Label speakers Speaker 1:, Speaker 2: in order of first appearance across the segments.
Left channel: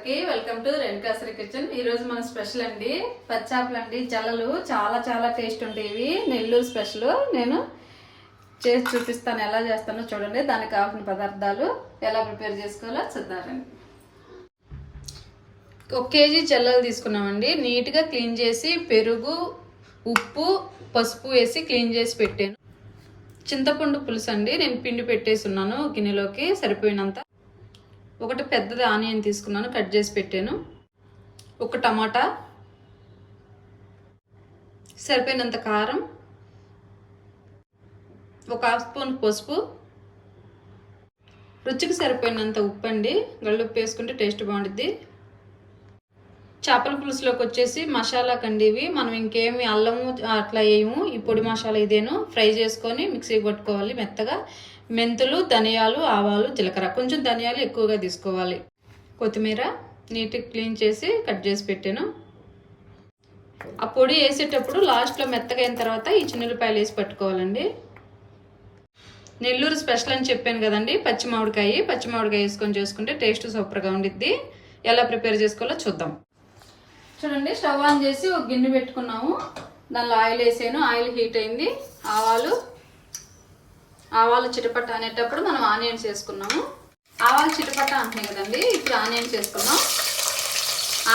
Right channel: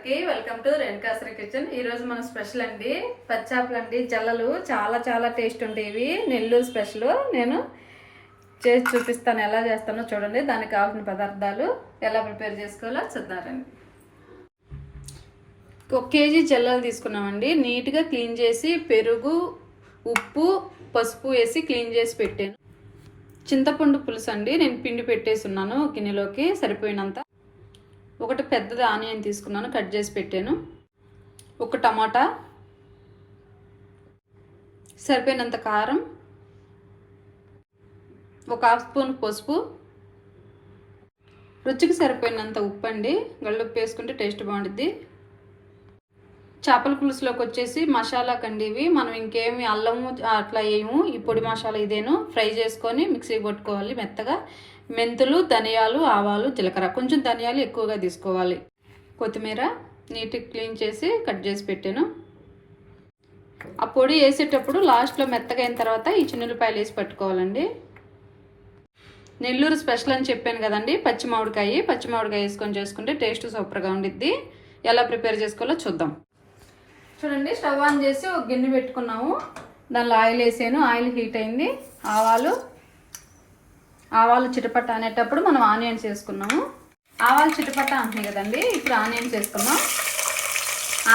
Speaker 1: అందరికి welcome to రేణుకాశ్రీ kitchen. ఈరోజు మన స్పెషల్ అండి పచ్చాపలు అండి జల్లలు. చాలా చాలా టేస్ట్ ఉండేవి. నెల్లూరు స్పెషల్. నేను చేసి చూపిస్తాను ఎలా చేస్తానో చూడండి. దానికి కావాల్సిన పదార్థాలు ఎలా ప్రిపేర్ చేసుకోవాలో చూద్దారండి ఒక కేజీ జల్లలు తీసుకున్నామండి. నీట్గా క్లీన్ చేసి పెరుగు ఉప్పు పసుపు వేసి క్లీన్ చేసి పెట్టాను. చింతపండు పులుసు అండి. నేను పిండి పెట్టేసి ఉన్నాను. గిన్నెలోకి సరిపోయినంత. ఒకటి పెద్దది ఆనియన్ తీసుకున్నాను కట్ చేసి పెట్టాను. ఒక టమాటా సరిపోయినంత కారం ఒక హాఫ్ స్పూన్ పసుపు రుచికి సరిపోయినంత ఉప్పు అండి గళ్ళుప్పు వేసుకుంటే టేస్ట్ బాగుంటుంది చేపల పులుసులోకి వచ్చేసి మసాలా కండి ఇవి మనం ఇంకేమి అల్లము అట్లా వేయము ఈ పొడి మసాలా ఇదేను ఫ్రై చేసుకొని మిక్సీ పట్టుకోవాలి మెత్తగా. మెంతులు ధనియాలు ఆవాలు జీలకర్ర. కొంచెం ధనియాలు ఎక్కువగా తీసుకోవాలి. కొత్తిమీర నీట్గా క్లీన్ చేసి కట్ చేసి పెట్టాను. ఆ పొడి వేసేటప్పుడు లాస్ట్లో మెత్తగా అయిన తర్వాత ఈ చిన్నపాయలు వేసి పట్టుకోవాలండి. నెల్లూరు స్పెషల్ అని చెప్పాను కదండి పచ్చి మామిడికాయ. పచ్చి మామిడికాయ వేసుకొని చేసుకుంటే టేస్ట్ సూపర్గా ఉండిద్ది. ఎలా ప్రిపేర్ చేసుకోవాలో చూద్దాం. చూడండి స్టవ్ ఆన్ చేసి ఒక గిన్నె పెట్టుకున్నాము. దానిలో ఆయిల్ వేసాను. ఆయిల్ హీట్ అయింది. ఆవాలు ఆవాలు చిటపట అనేటప్పుడు మనం ఆనియన్స్ వేసుకున్నాము. ఆవాలు చిటపట అంటున్నాయి కదండి ఇప్పుడు ఆనియన్స్ వేసుకున్నాం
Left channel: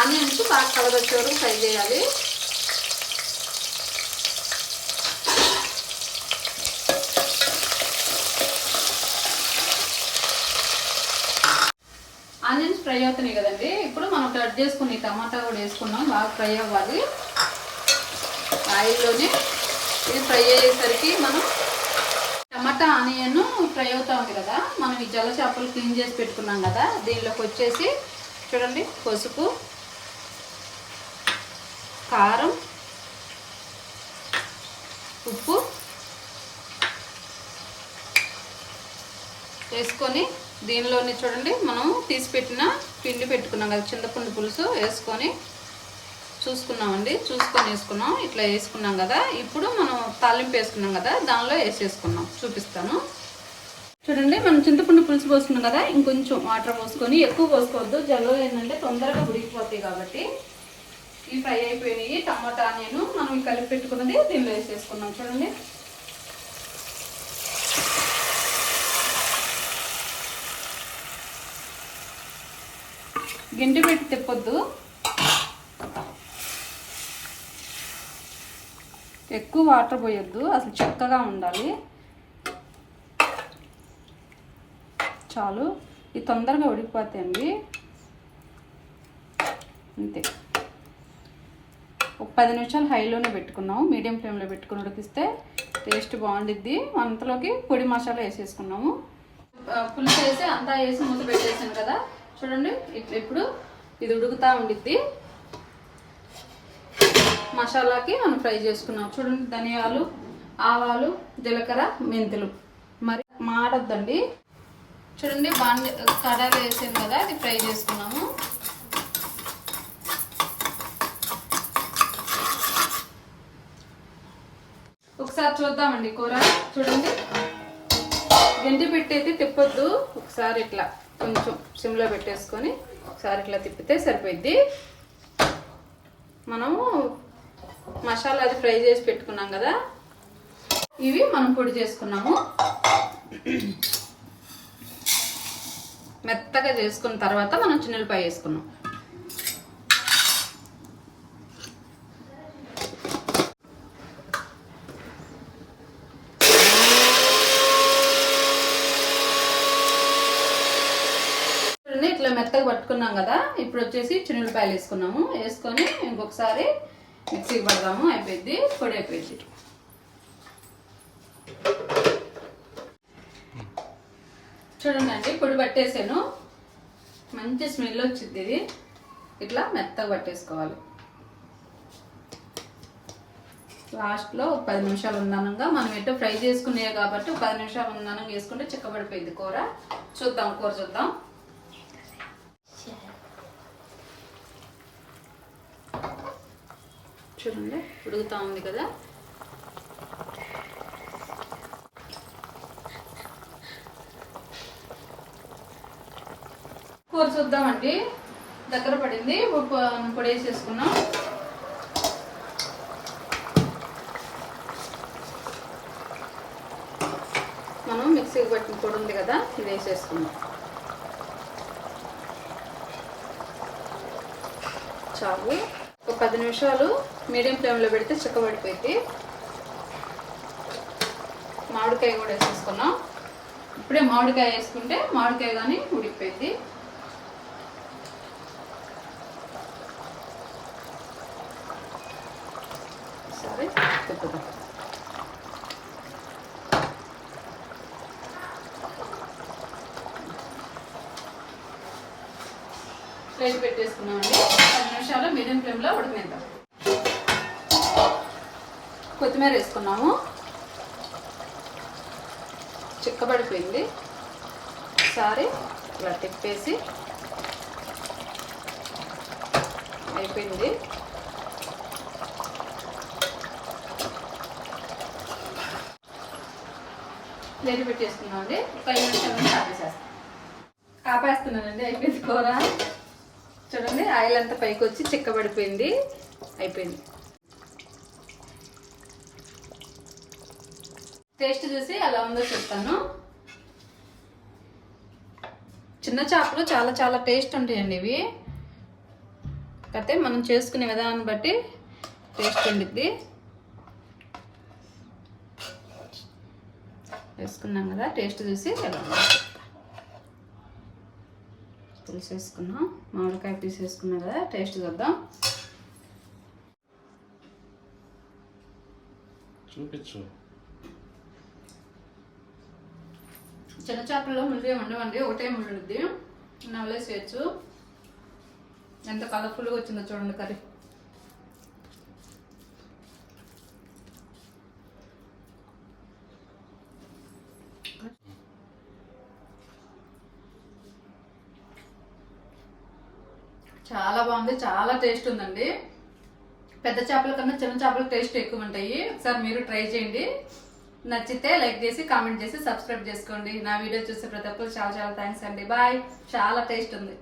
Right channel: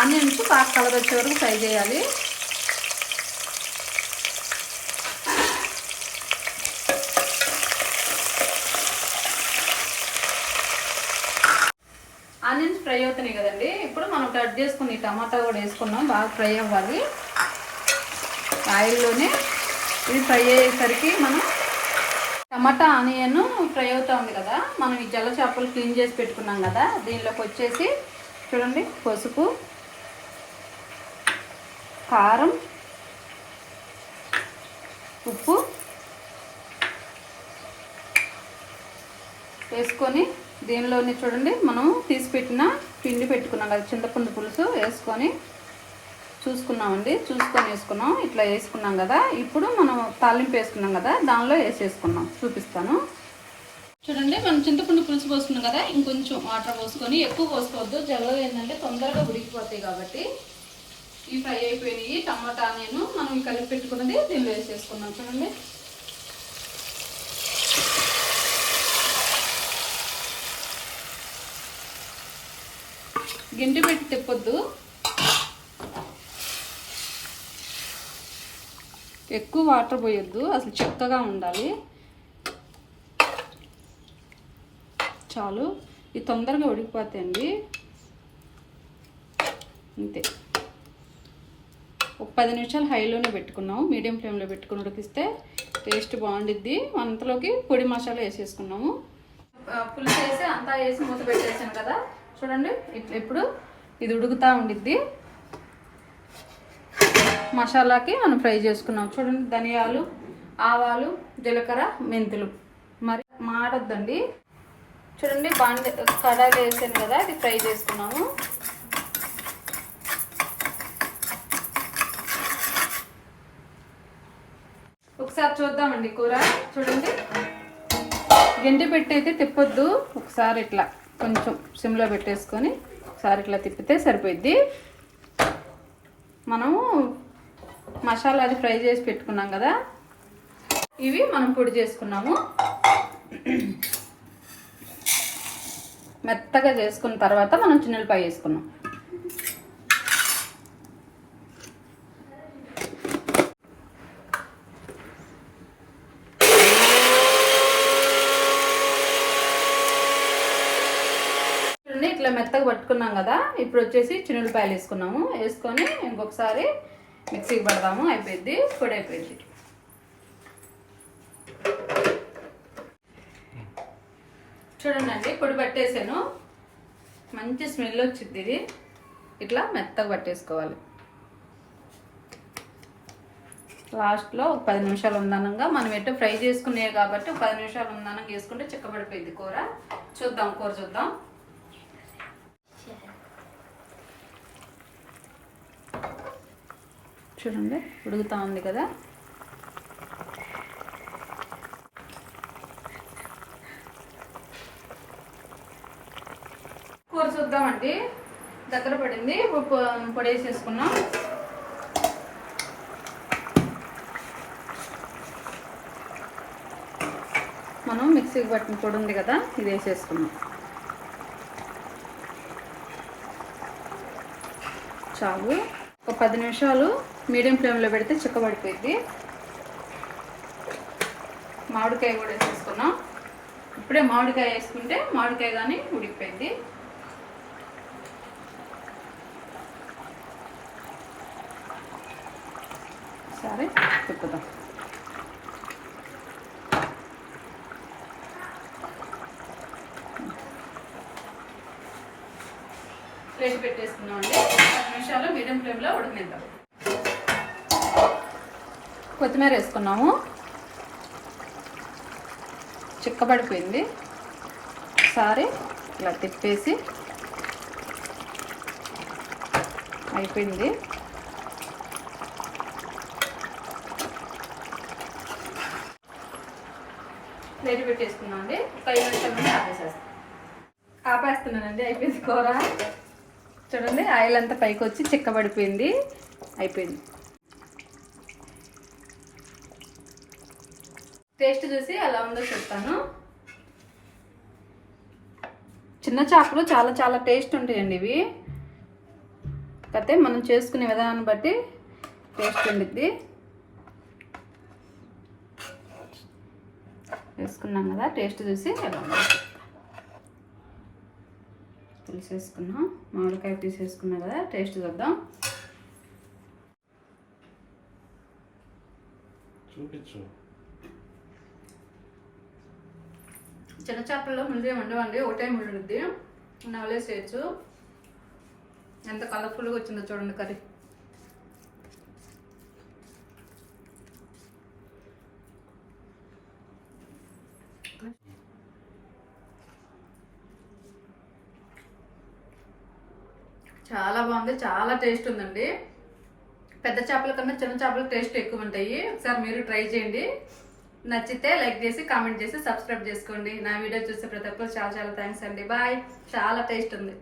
Speaker 1: ఆనియన్స్ కాస్త కలర్ వచ్చే వరకు ఫ్రై చేయాలి. ఆనియన్స్ ఫ్రై అవుతున్నాయి కదండి ఇప్పుడు మనం కట్ చేసుకుని టమాటా కూడా వేసుకున్నాం బాగా ఫ్రై అవ్వాలి. ఆయిల్లోనే ఇది ఫ్రై అయ్యేసరికి మనం టమాటా ఆనియన్ ఫ్రై అవుతూ ఉంది కదా. మనం ఈ జల్ల చేపలు క్లీన్ చేసి పెట్టుకున్నాం కదా. దీనిలోకి వచ్చేసి చూడండి పసుపు కారం ఉప్పు వేసుకొని దీనిలోని చూడండి మనం తీసి పెట్టిన పిండి పెట్టుకున్నాం కదా చింతపండు పులుసు వేసుకొని చూసుకున్నామండి. చూసుకొని వేసుకున్నాం. ఇట్లా వేసుకున్నాం కదా. ఇప్పుడు మనం తాలింపు వేసుకున్నాం కదా. దానిలో వేసేసుకున్నాం. చూపిస్తాను. చూడండి మనం చింతపండు పులుసు పోసుకున్నాం కదా. ఇంకొంచెం వాటర్ పోసుకొని ఎక్కువ పోసుకోవద్దు. జల్లలో ఏంటంటే తొందరగా ఉడికిపోతాయి కాబట్టి. ఇవి ఫ్రై అయిపోయినాయి. టమాటా నేను మనం కలిపి పెట్టుకున్నది దీనిలో వేసేసుకున్నాం. చూడండి. గింటి పెట్టి తిప్పొద్దు. ఎక్కువ వాటర్ పోయొద్దు అసలు చక్కగా ఉండాలి. చాలు. ఇది తొందరగా ఉడికిపోతాయండి. అంతే. ఒక పది నిమిషాలు హైలోనే పెట్టుకున్నాము. మీడియం ఫ్లేమ్లో పెట్టుకుని ఉడికిస్తే టేస్ట్ బాగుండిద్ది. అంతలోకి పొడి మసాలా వేసేసుకున్నాము. పులుసు వేసి అంతా వేసి మూత పెట్టేసాను కదా. చూడండి ఇప్పుడు ఇది ఉడుకుతూ ఉండిద్ది. మసాలాకి మనం ఫ్రై చేసుకున్నాం. చూడండి ధనియాలు ఆవాలు జీలకర్ర మెంతులు. మరి మాడొద్దండి. చూడండి బాండి కడాలు వేసాను కదా అది ఫ్రై చేసుకున్నాము. ఒకసారి చూద్దామండి కూర. చూడండి. గిండి పెట్టేది తిప్పొద్దు. ఒకసారి ఇట్లా కొంచెం సిమ్లో పెట్టేసుకొని ఒకసారి ఇట్లా తిప్పితే సరిపోయిద్ది. మనము మసాలా అది ఫ్రై చేసి పెట్టుకున్నాం కదా. ఇవి మనం పొడి చేసుకున్నాము. మెత్తగా చేసుకున్న తర్వాత మనం చిన్నపాయ వేసుకున్నాం. ఇట్లా మెత్తగా పట్టుకున్నాం కదా. ఇప్పుడు వచ్చేసి చిన్నపాయలు వేసుకున్నాము. వేసుకొని ఇంకొకసారి మిక్సీకి పడదాము అయిపోయింది పొడి అయిపోయింది చూడండి పొడి పట్టేసాను. మంచి స్మెల్ వచ్చింది ఇది. ఇట్లా మెత్తగా పట్టేసుకోవాలి. లాస్ట్లో ఒక పది నిమిషాలు ఉందనంగా మనం ఎటు ఫ్రై చేసుకునే కాబట్టి ఒక పది నిమిషాలు ఉందనంగా వేసుకుంటే చిక్కబడిపోయింది కూర. చూద్దాం కూర చూద్దాం. చూడండి ఉడుగుతూ ఉంది కదా. కూర చూద్దామండి. దగ్గర పడింది ఉప్పు పొడి వేసేసుకున్నాం. మనం మిక్సీకి పట్టిన పొడి ఉంది కదా ఇది వేసేసుకున్నాం చాలు. ఒక పది నిమిషాలు మీడియం ఫ్లేమ్లో పెడితే చిక్కబడిపోయింది మామిడికాయ కూడా వేసేసుకున్నాం. ఇప్పుడే మామిడికాయ వేసుకుంటే మామిడికాయ కానీ ఉడికిపోయింది. సరే తిప్పుదాం. ప్లేట్ పెట్టేసుకున్నామండి పది నిమిషాలు మీడియం ఫ్లేమ్లో ఉడికిద్దాం కొత్తిమీర వేసుకున్నాము. చిక్కబడిపోయింది. ఒకసారి ఇలా తిప్పేసి అయిపోయింది. ప్లేట్ పెట్టేసుకున్నామండి ఒక ఐదు నిమిషాల నుండి ఆపేసేస్తాం. ఆపేస్తున్నానండి. అయిపోయింది కూర. చూడండి ఆయిల్ అంతా పైకి వచ్చి చిక్కబడిపోయింది. అయిపోయింది. టేస్ట్ చూసి ఎలా ఉందో చెప్తాను. చిన్న చేపలు చాలా చాలా టేస్ట్ ఉంటాయండి ఇవి. కాకపోతే మనం చేసుకునే విధానాన్ని బట్టి టేస్ట్ ఉండిద్ది. వేసుకున్నాం కదా టేస్ట్ చూసి ఎలా పులుసు వేసుకున్నాం మామిడికాయ పీస్ వేసుకున్నాం కదా టేస్ట్ చూద్దాం.
Speaker 2: చూపించు.
Speaker 1: చిన్న చేపల్లో ముళ్ళు ఉండవండి ఒకటే ముళ్ళు ఉంది నవలేసేయచ్చు. ఎంత కలర్ఫుల్గా వచ్చిందో చూడండి కర్రీ. చాలా బాగుంది చాలా టేస్ట్ ఉందండి. పెద్ద చేపల కన్నా చిన్న చేపల టేస్ట్ ఎక్కువ ఉంటాయి ఒకసారి మీరు ట్రై చేయండి. నచ్చితే లైక్ చేసి కామెంట్ చేసి సబ్స్క్రైబ్ చేసుకోండి. నా వీడియో చూసే ప్రతి ఒక్కరు చాలా చాలా థ్యాంక్స్ అండి. బాయ్ చాలా టేస్ట్ ఉంది.